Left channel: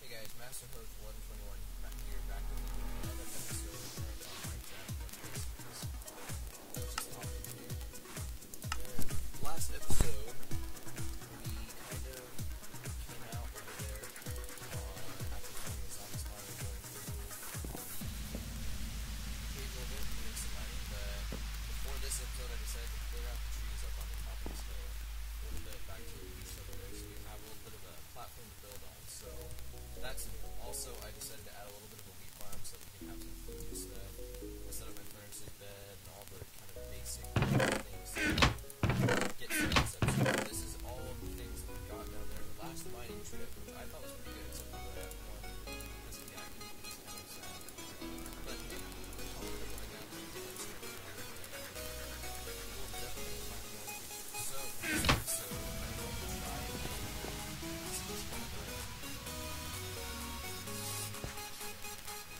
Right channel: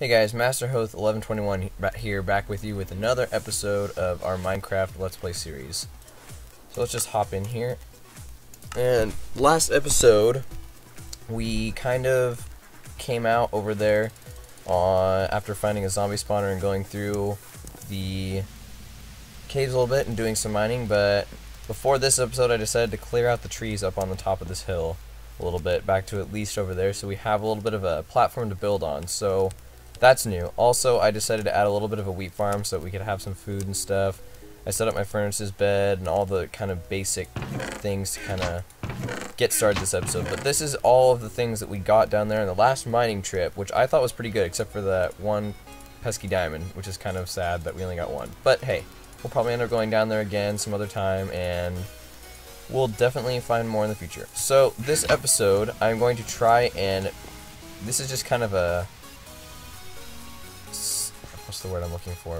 Hey guys, Master Hoth 1121 here, back with you with another episode of our Minecraft Let's Play series. So let's just hop in here. And last episode, we kind of came out over there after finding a zombie spawner and going through the caves a little bit and doing some mining. But before this episode, I decided to clear out the trees up on the top of this hill a little bit, back to at least over there, so we have a little bit of a platform to build on. So that's new. Also, I decided to add a little bit of a wheat farm so that we could have some food and stuff. I set up my furnace's bed and all the kind of basic things to kind of get started this episode. But this is all of the things that we got down there in the last mining trip, which I thought was pretty good, except for that one pesky diamond, which is kind of sad that we only got one. But hey, we'll probably end up going down there again some other time, and we'll definitely find more in the future. So this episode, I'm going to try and... this is just kind of a... what's the word I'm looking for?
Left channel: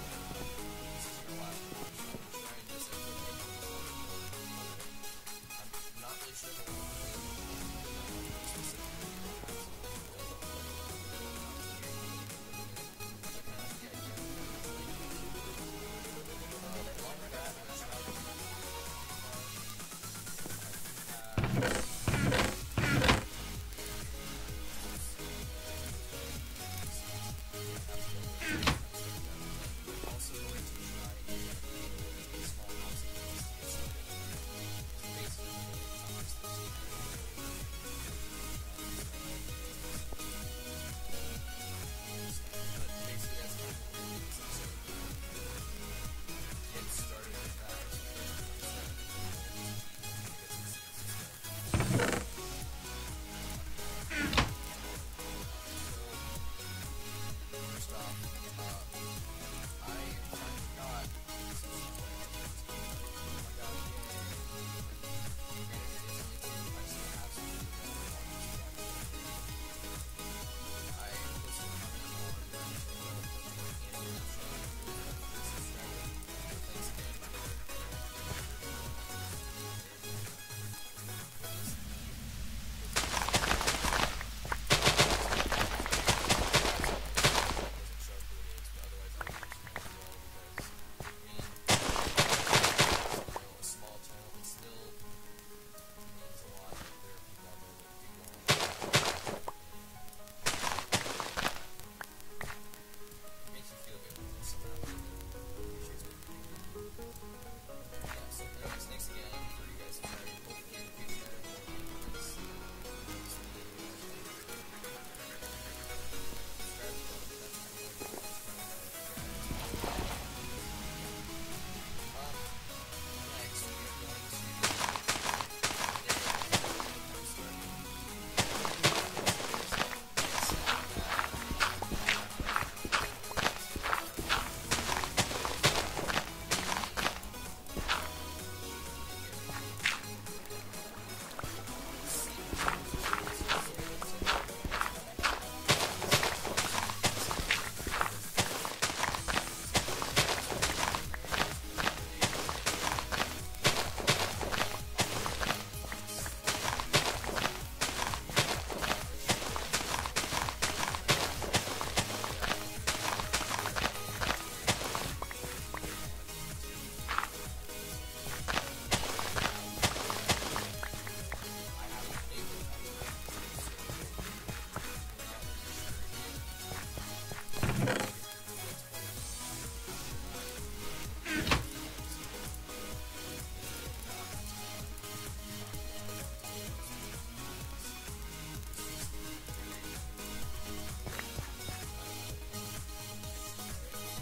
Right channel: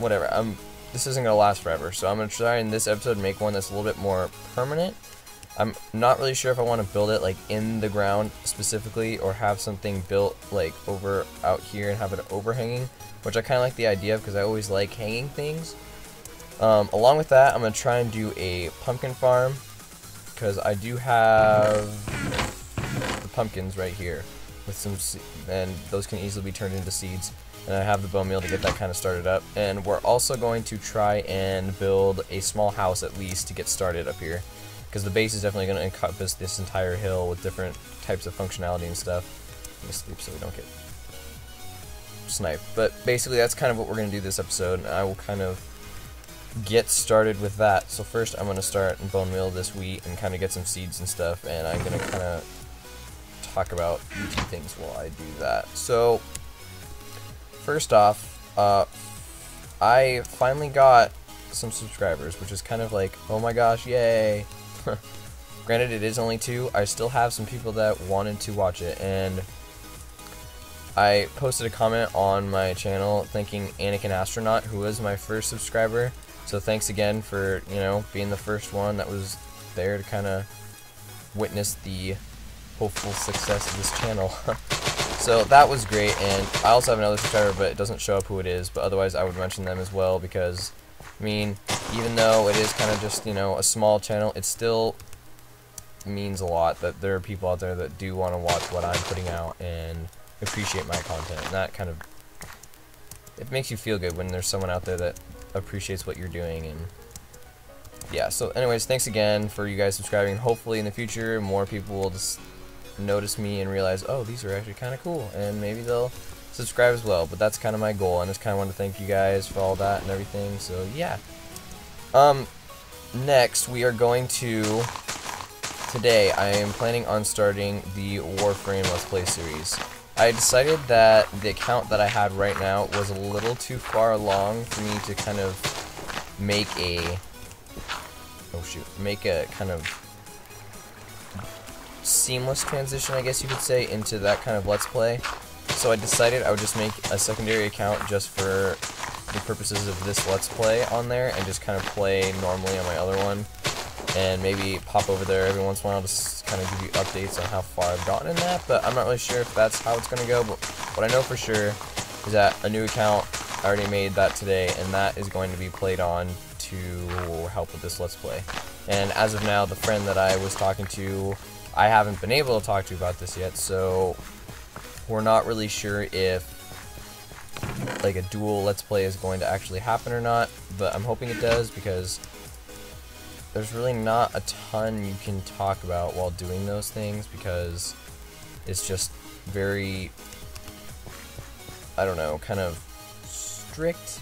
Whatever. This isn't going to last forever, so I'm going to try in this episode make one that's a little bit more permanent. I'm not really sure if I want to build it like in the ground specifically, or have something built like over out here and have it overhanging, which I kind of like the idea of because I always like hanging things. Along with that, I'm going to try and do a pumpkin farm, because I do have pumpkins right here with some and those can easily be turned into seeds, and I have the bone meal to get that kind of started up. And we're also going to try and build a small house at least to get started up here, because the base is definitely going to encompass this entire hill with different types of functionality and stuff. Let me sleep so we don't get sniped. But basically that's kind of what we're going to do this episode, and I will kind of get started with that. So first I'm going to start and bone meal this wheat and kind of get some seeds and stuff, and I'm going to kind of talk about things while I do that. So first off, I finally got some subscribers, which is kind of like, oh my gosh, yay. Granted, it is only 2. I still have some people that wanted to watch it, and I posted a comment on my channel thanking Anakin Astronaut, who was my first subscriber. So thanks again for, you know, being the first one that was there to kind of witness the hopeful success of this channel. So that was great, and I also have another subscriber, but it doesn't show up who it is, but otherwise I would mention them as well, because, I mean, even though it is kind of just, you know, a small channel, it still means a lot that there are people out there that do want to watch what I'm putting out and appreciate my content, and that kind of, it makes you feel good when there's someone out there that appreciates what you're doing. And yeah, so anyways, thanks again for you guys subscribing. Hopefully in the future more people will just notice me and realize, oh, these are actually kind of cool, and maybe they'll subscribe as well. But that's kind of my goal, and I just kind of want to thank you guys for all that and everything. So yeah, next we are going to, today I am planning on starting the Warframe Let's Play series. I decided that the account that I had right now was a little too far along for me to kind of make a kind of seamless transition, I guess you could say, into that kind of Let's Play. So I decided I would just make a secondary account just for the purposes of this Let's Play on there, and just kind of play normally on my other one, and maybe pop over there every once in a while to kind of give you updates on how far I've gotten in that. But I'm not really sure if that's how it's going to go. But what I know for sure is that a new account, I already made that today, and that is going to be played on to help with this Let's Play. And as of now, the friend that I was talking to, I haven't been able to talk to about this yet, so we're not really sure if like a dual Let's Play is going to actually happen or not, but I'm hoping it does, because there's really not a ton you can talk about while doing those things, because it's just very, I don't know, kind of strict,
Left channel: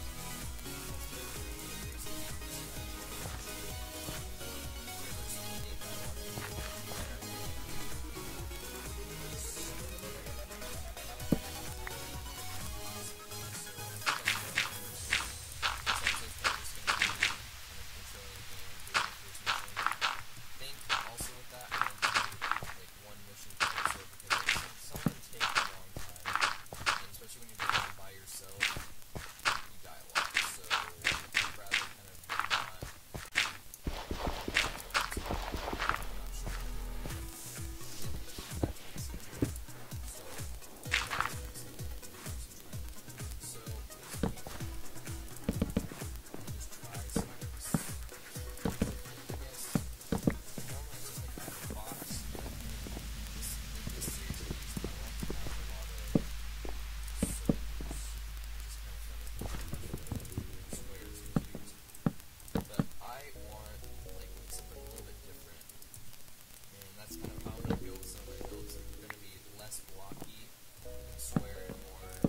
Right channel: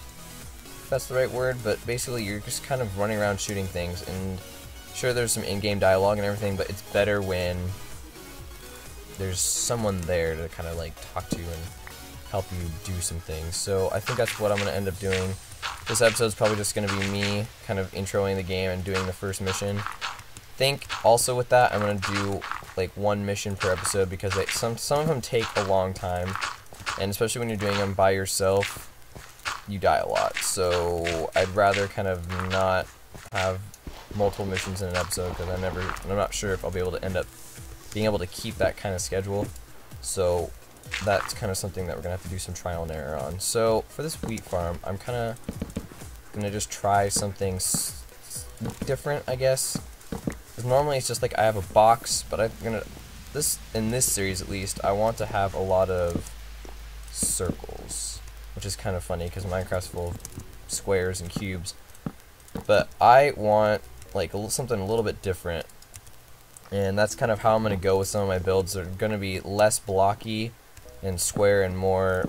if that's the right word, but basically you're just kind of running around shooting things. And sure, there's some in-game dialogue and everything, but it's better when there's someone there to kind of like talk to you and help you do some things. So I think that's what I'm going to end up doing. This episode's probably just going to be me kind of introing the game and doing the first mission. I think also with that I'm going to do like one mission per episode, because some of them take a long time, and especially when you're doing them by yourself, you die a lot. So I'd rather kind of not have multiple missions in an episode, because I'm not sure if I'll be able to end up being able to keep that kind of schedule. So that's kind of something that we're gonna have to do some trial and error on. So for this wheat farm, I'm kind of gonna just try something different, I guess. 'Cause normally it's just like I have a box, but in this series at least, I want to have a lot of circles, which is kind of funny because Minecraft's full of squares and cubes. But I want like something a little bit different, and that's kind of how I'm going to go with some of my builds. They're going to be less blocky and square and more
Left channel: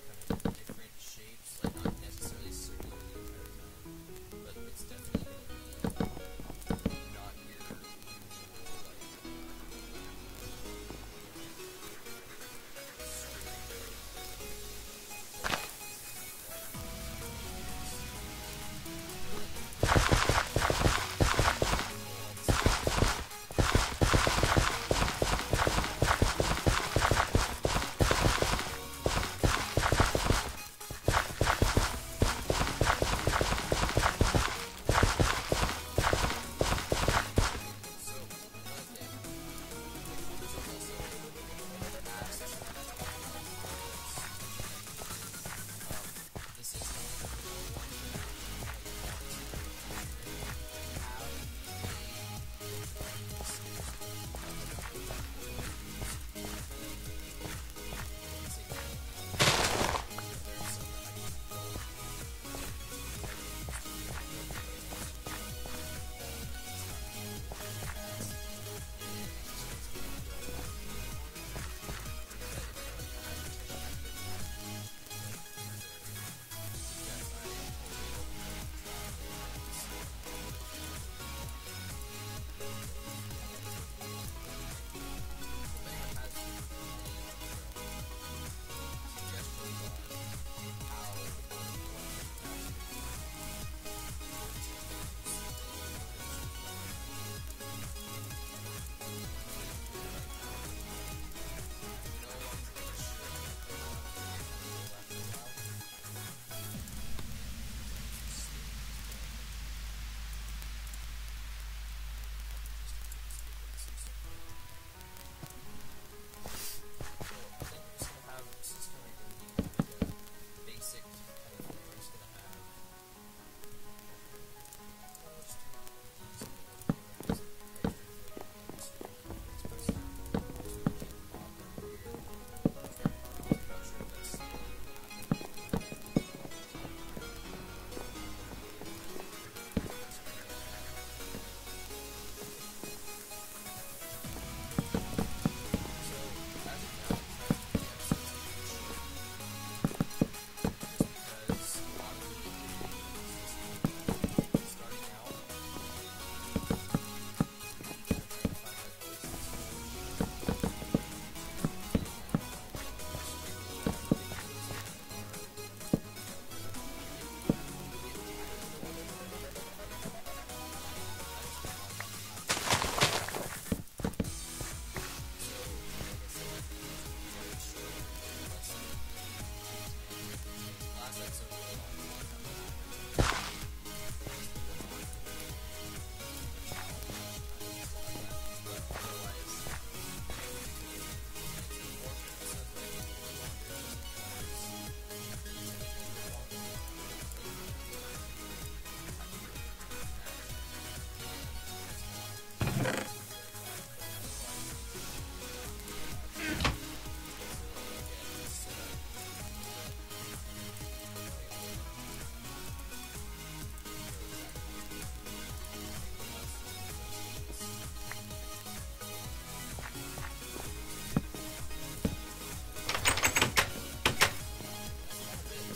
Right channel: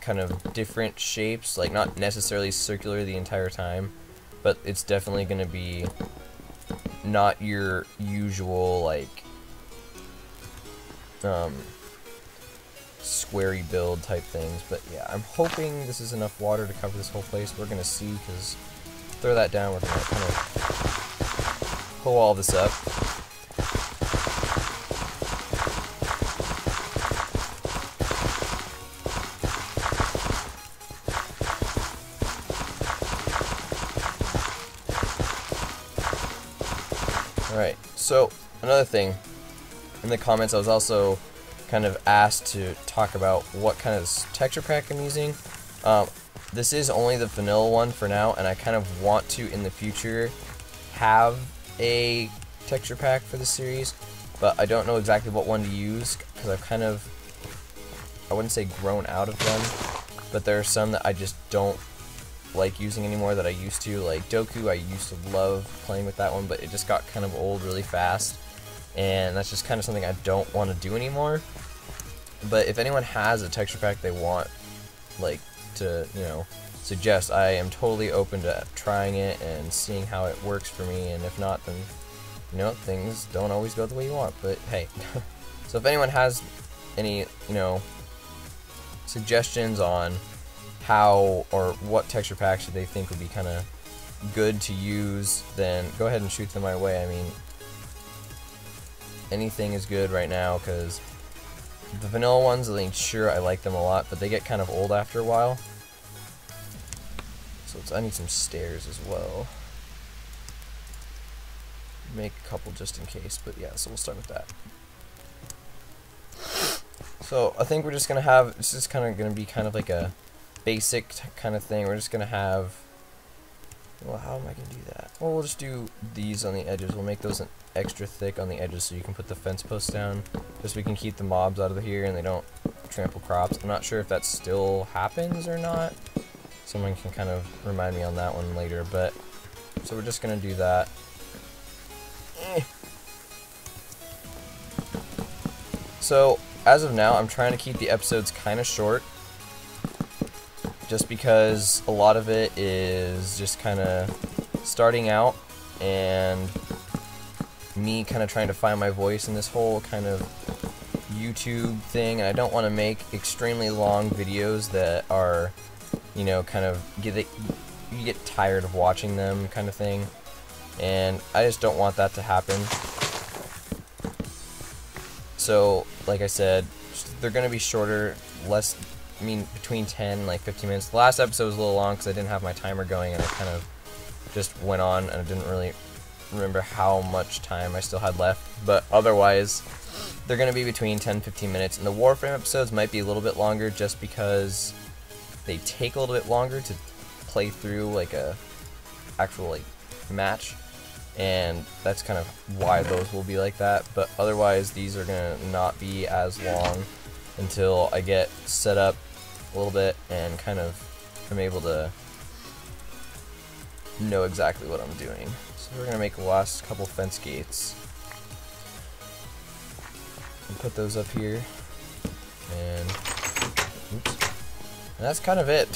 kind of different shapes, like not necessarily circular the entire time, but it's definitely going to be not your usual like squarey build type things. But yeah, I'm hoping this is enough water to cover this whole place. We're gonna see, because throw that down, we're gonna kind of pull all this up. Alright, so another thing, in the comments I was also kind of asked to talk about what kind of texture pack I'm using. This is only the vanilla one for now, and I kind of want to in the future have a texture pack for the series, but I don't know exactly what one to use because I've kind of, I wouldn't say grown out of them, but there are some that I just don't like using anymore that I used to. Like Doku, I used to love playing with that one, but it just got kind of old really fast, and that's just kind of something I don't want to do anymore. But if anyone has a texture pack they want, like, to, you know, suggest, I am totally open to trying it and seeing how it works for me, and if not, then, you know, things don't always go the way you want, but hey. So if anyone has any, you know, suggestions on how or what texture packs they think would be kind of good to use, then go ahead and shoot them my way. I mean, anything is good right now, because the vanilla ones, I think, sure, I like them a lot, but they get kind of old after a while. So I need some stairs as well. Make a couple just in case, but yeah, so we'll start with that. So I think we're just gonna have, this is kind of gonna be kind of like a basic kind of thing. We're just gonna have, well, how am I gonna do that? Well, we'll just do these on the edges. We'll make those extra thick on the edges so you can put the fence posts down, just so we can keep the mobs out of here and they don't trample crops. I'm not sure if that still happens or not. Someone can kind of remind me on that one later, but so we're just gonna do that. So as of now, I'm trying to keep the episodes kind of short, just because a lot of it is just kind of starting out and me kind of trying to find my voice in this whole kind of YouTube thing, and I don't want to make extremely long videos that are, you know, kind of you get tired of watching them kind of thing, and I just don't want that to happen. So like I said, they're going to be shorter, less, I mean, between 10 and like 15 minutes. The last episode was a little long because I didn't have my timer going, and it kind of just went on, and I didn't really remember how much time I still had left. But otherwise, they're going to be between 10 and 15 minutes. And the Warframe episodes might be a little bit longer just because they take a little bit longer to play through like a actual like match. And that's kind of why those will be like that. But otherwise, these are going to not be as long until I get set up a little bit and kind of am able to know exactly what I'm doing. So we're going to make the last couple fence gates. Put those up here. And, oops. And that's kind of it.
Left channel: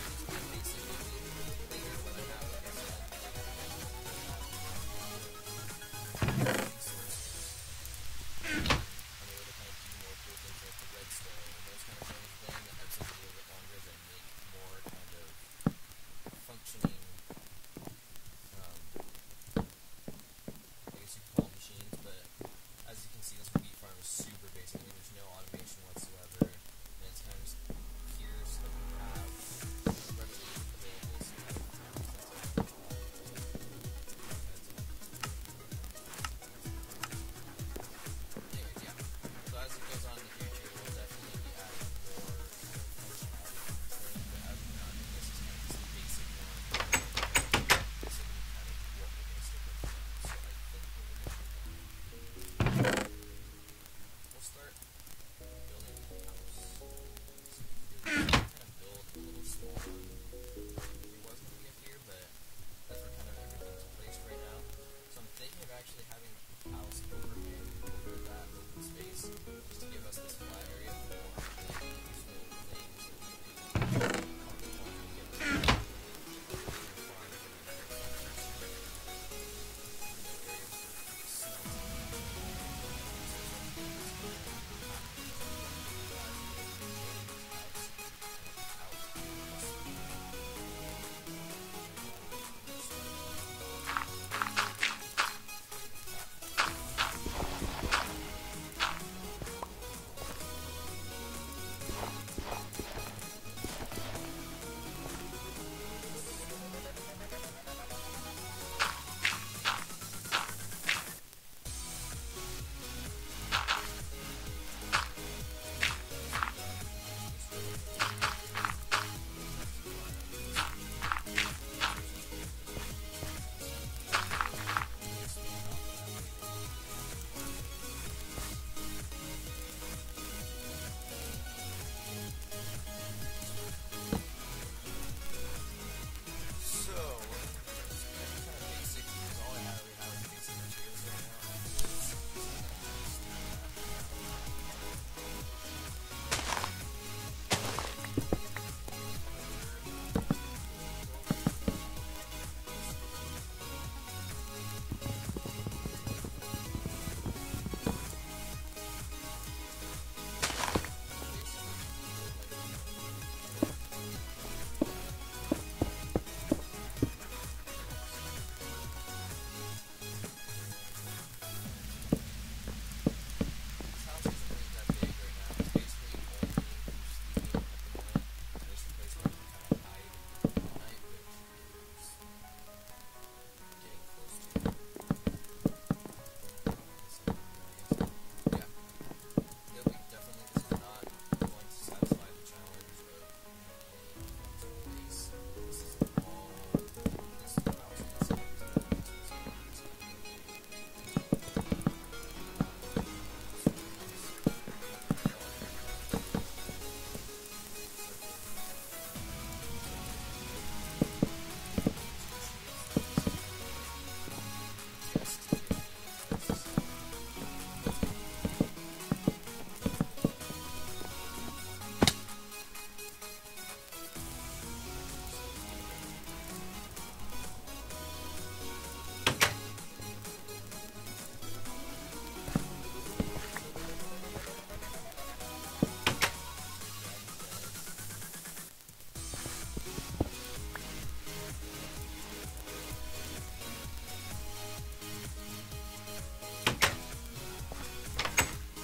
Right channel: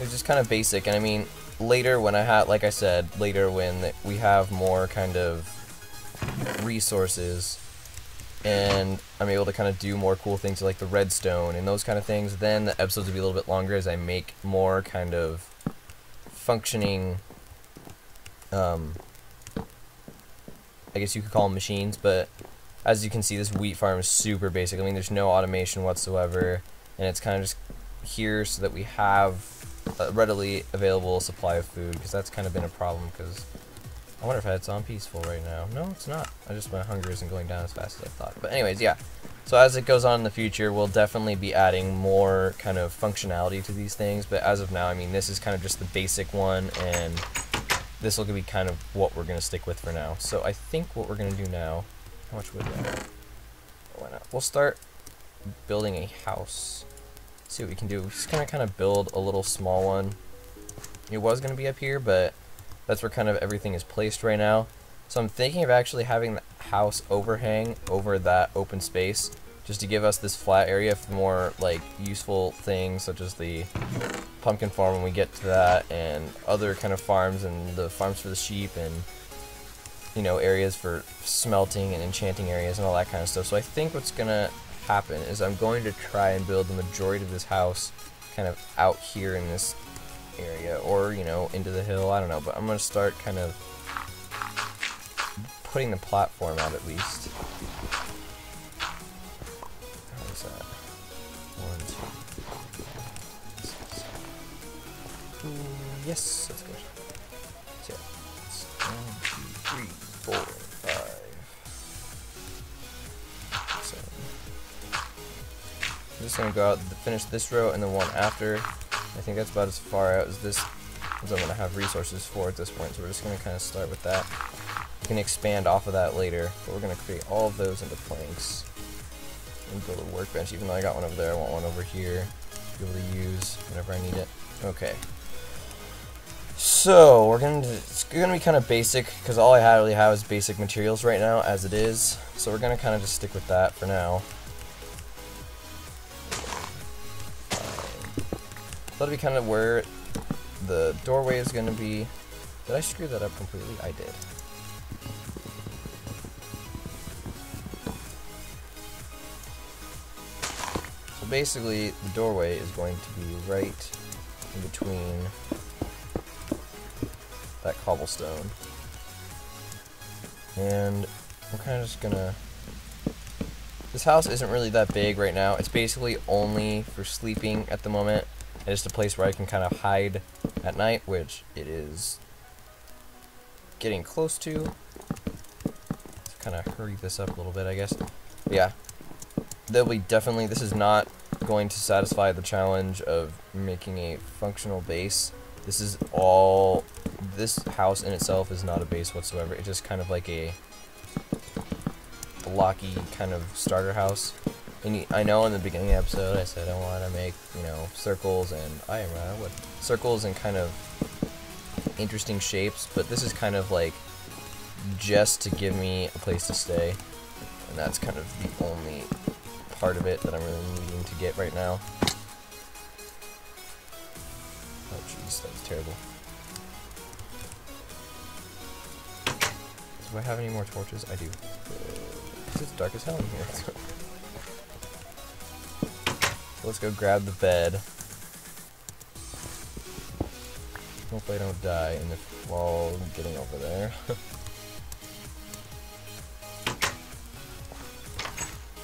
It's just kind of basic. And I mean, later when I have, like I said, later when we have more kind of resources and I'm able to kind of do more cool things like the redstone and those kind of things, then the episodes will be a little bit longer as I make more kind of functioning, I guess you could call them machines, but as you can see, this wheat farm is super basic. I mean, there's no automation whatsoever, and it's kind of just here so that we have a readily available supply of food, because that's kind of been a problem, because I wonder if it's on peaceful right now. No, it's not. I just, my hunger isn't going down as fast as I thought. But anyways, yeah. So as it goes on in the future, we'll definitely be adding more kind of functionality to these things, but as of now, I mean, this is kind of just the basic one, and this will be kind of what we're going to stick with for now. So I think what we're going to do now, how much wood? Why not? We'll start building a house. See what we can do. We're just going to kind of build a little small one. It was going to be up here, but that's where kind of everything is placed right now. So I'm thinking of actually having the house overhang over that open space, just to give us this flat area for more like useful things, such as the pumpkin farm when we get to that, and other kind of farms, and the farms for the sheep, and you know, areas for smelting and enchanting areas and all that kind of stuff. So I think what's gonna happen is I'm going to try and build the majority of this house kind of out here in this area, or you know, into the hill, I don't know, but I'm gonna start kind of putting the platform out at least. What's that? 1, 2, yes. So, 1, 2, 3, 4, 5, 7. I'm just gonna go out and finish this row and then one after. I think that's about as far out as this as I'm gonna have resources for at this point. So we're just gonna kind of start with that. We can expand off of that later, but we're going to create all of those into planks and build a workbench. Even though I got one over there, I want one over here to be able to use whenever I need it. Okay, so it's gonna be kind of basic, because all I really have is basic materials right now as it is, so we're gonna kind of just stick with that for now. That'll be kind of where the doorway is gonna be. Did I screw that up completely? I did. Basically, the doorway is going to be right in between that cobblestone. And I'm kind of just gonna... This house isn't really that big right now. It's basically only for sleeping at the moment. And it's a place where I can kind of hide at night, which it is getting close to. Let's kind of hurry this up a little bit, I guess. Yeah. There'll be definitely... This is not going to satisfy the challenge of making a functional base. This is all... This house in itself is not a base whatsoever. It's just kind of like a blocky kind of starter house. And I know in the beginning of the episode I said I want to make, you know, circles and circles and kind of interesting shapes, but this is kind of like just to give me a place to stay, and that's kind of the only part of it that I'm really needing to get right now. Oh jeez, that's terrible. Do I have any more torches? I do. It's dark as hell in here. Let's go grab the bed. Hopefully I don't die in the while getting over there.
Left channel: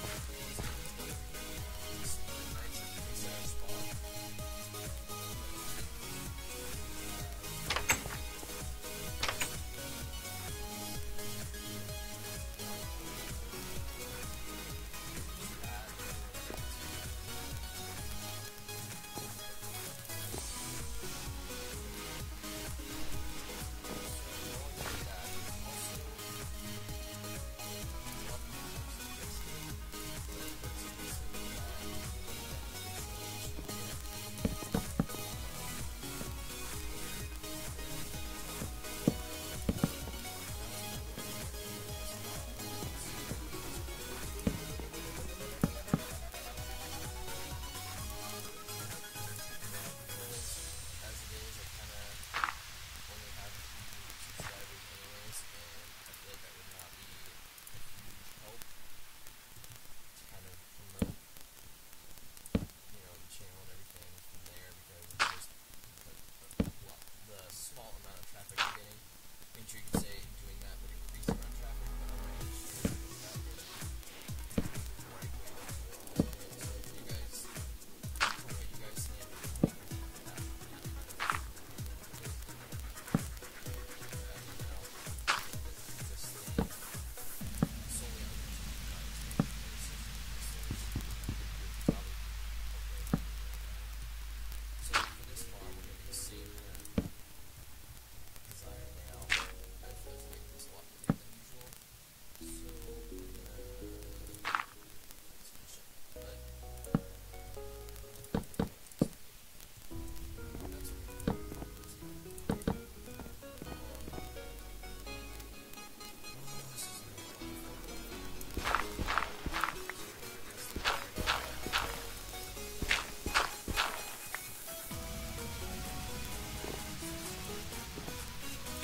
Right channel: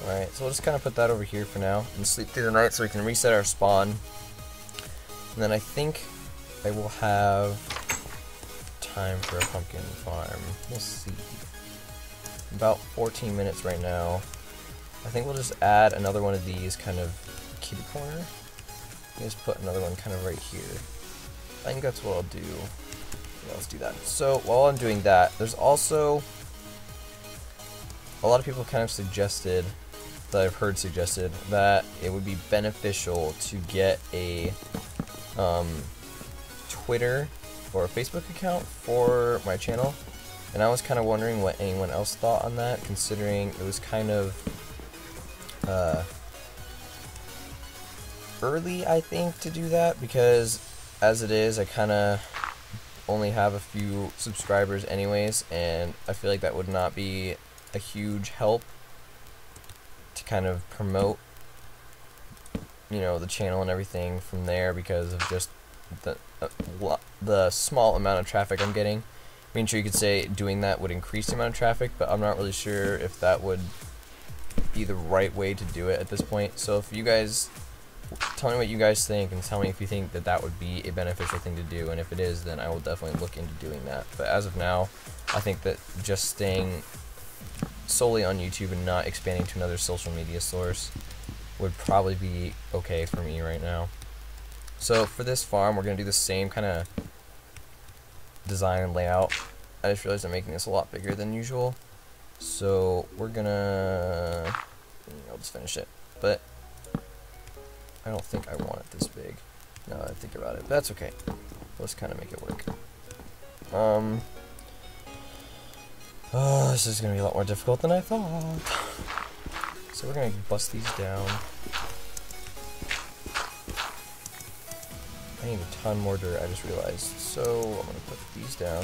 Alright, so we'll just kind of put that over here for now and sleep through the night so we can reset our spawn. And then I think I will have time for a pumpkin farm. We'll see. About 14 minutes right now. I think we'll just add another one of these kind of kitty corner. Just put another one kind of right here. I think that's what I'll do. Let's do that. So while I'm doing that, there's also a lot of people kind of suggested, that I've heard suggested, that it would be beneficial to get a Twitter or a Facebook account for my channel. And I was kind of wondering what anyone else thought on that, considering it was kind of early, I think, to do that, because as it is, I kind of only have a few subscribers anyways, and I feel like that would not be a huge help to kind of promote, you know, the channel and everything from there, because of just the small amount of traffic I'm getting. I mean, sure, you could say doing that would increase the amount of traffic, but I'm not really sure if that would be the right way to do it at this point. So if you guys... Tell me what you guys think, and tell me if you think that that would be a beneficial thing to do, and if it is, then I will definitely look into doing that. But as of now, I think that just staying solely on YouTube and not expanding to another social media source would probably be okay for me right now. So for this farm, we're going to do the same kind of design and layout. I just realized I'm making this a lot bigger than usual. So we're going to... I'll just finish it. But I don't think I want it this big. Now that I think about it. But that's okay. Let's kind of make it work. This is going to be a lot more difficult than I thought. So we're going to bust these down. I need a ton more dirt, I just realized. So I'm going to put these down.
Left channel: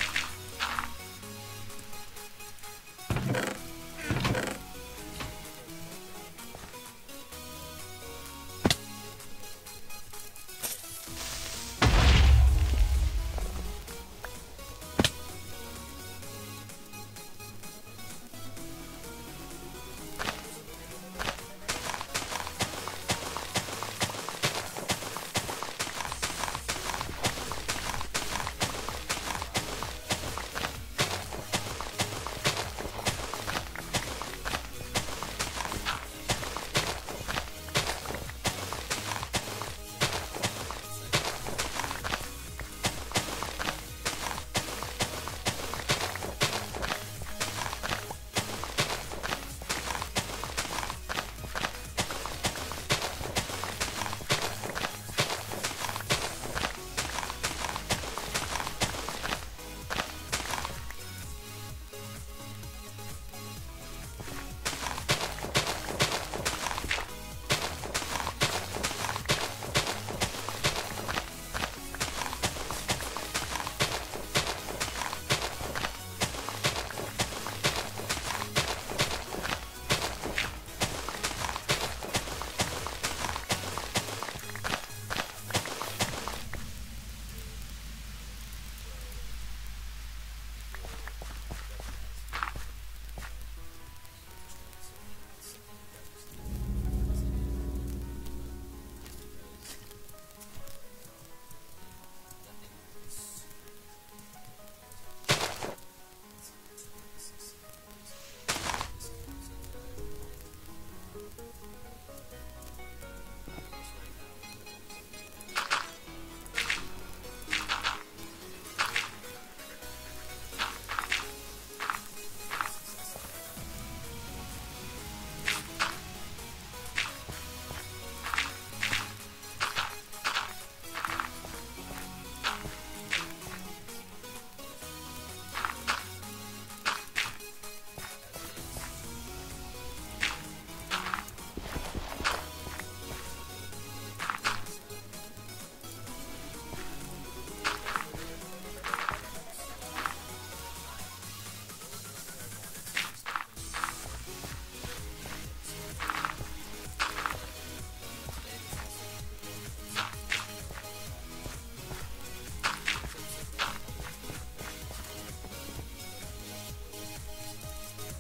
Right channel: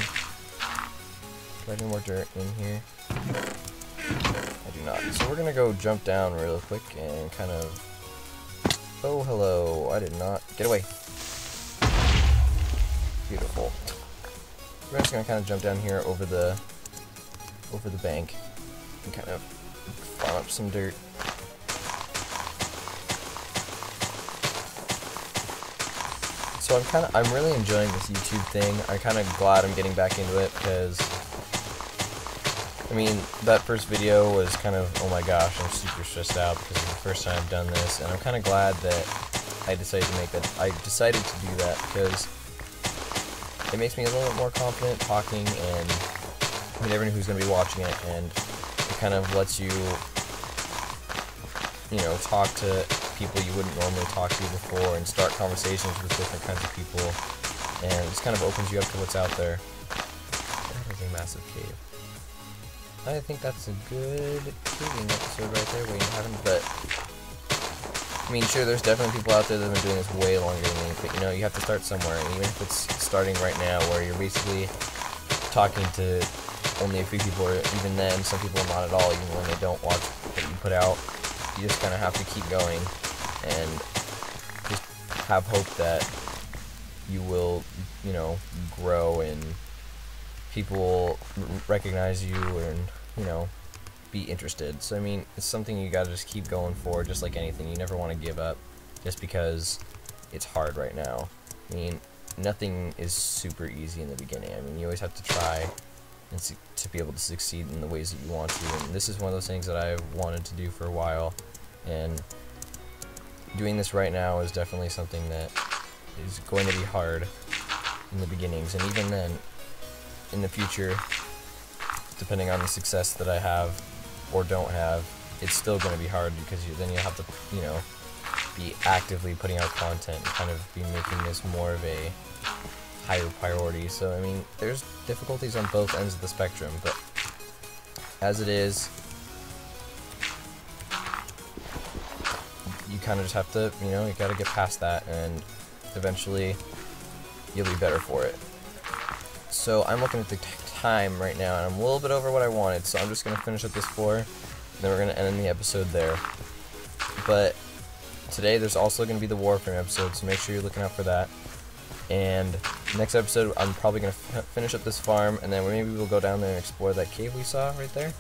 Do I need more dirt in here? I do not. So we're going to go jump down real quick and kind of... Oh, hello. I did not... Get away. Beautiful. We're just going to kind of jump down here over the bank and kind of farm up some dirt. So I'm really enjoying this YouTube thing. I'm kind of glad I'm getting back into it because, I mean, that first video was kind of, oh my gosh, I'm super stressed out because it's the first time I've done this, and I'm kind of glad that I decided to do that because it makes me a little bit more confident talking and everyone who's going to be watching it, and it kind of lets you, talk to people you wouldn't normally talk to before and start conversations with different kinds of people, and it just kind of opens you up to what's out there. That's a massive cave. I think that's a good episode right there, but I mean, sure, there's definitely people out there that have been doing this way longer than me, but you have to start somewhere, and even if it's starting right now where you're basically talking to only a few people, or even then, some people not at all, even when they don't watch what you put out. You just kind of have to keep going and just have hope that you will, grow and people will recognize you and, be interested. So, I mean, it's something you gotta just keep going for, just like anything. You never want to give up just because it's hard right now. I mean, nothing is super easy in the beginning. I mean, you always have to try and to be able to succeed in the ways that you want to. And this is one of those things that I've wanted to do for a while, and doing this right now is definitely something that is going to be hard in the beginnings, and even then, in the future, depending on the success that I have or don't have, it's still going to be hard because then you have to, be actively putting out content and kind of be making this more of a higher priority. So, I mean, there's difficulties on both ends of the spectrum, but as it is, you kind of just have to, you gotta get past that, and eventually you'll be better for it. So I'm looking at the time right now, and I'm a little bit over what I wanted, so I'm just gonna finish up this floor, and then we're gonna end the episode there. But today there's also gonna be the Warframe episode, so make sure you're looking out for that. And next episode, I'm probably going to finish up this farm, and then maybe we'll go down there and explore that cave we saw right there,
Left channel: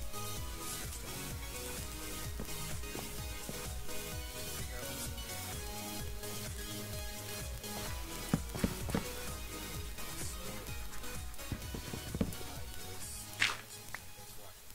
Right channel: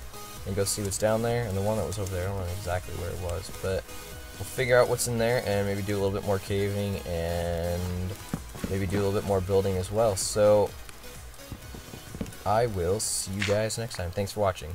and go see what's down there, and the one that was over there, I don't know exactly where it was, but we'll figure out what's in there, and maybe do a little bit more caving, and maybe do a little bit more building as well. So, I will see you guys next time. Thanks for watching.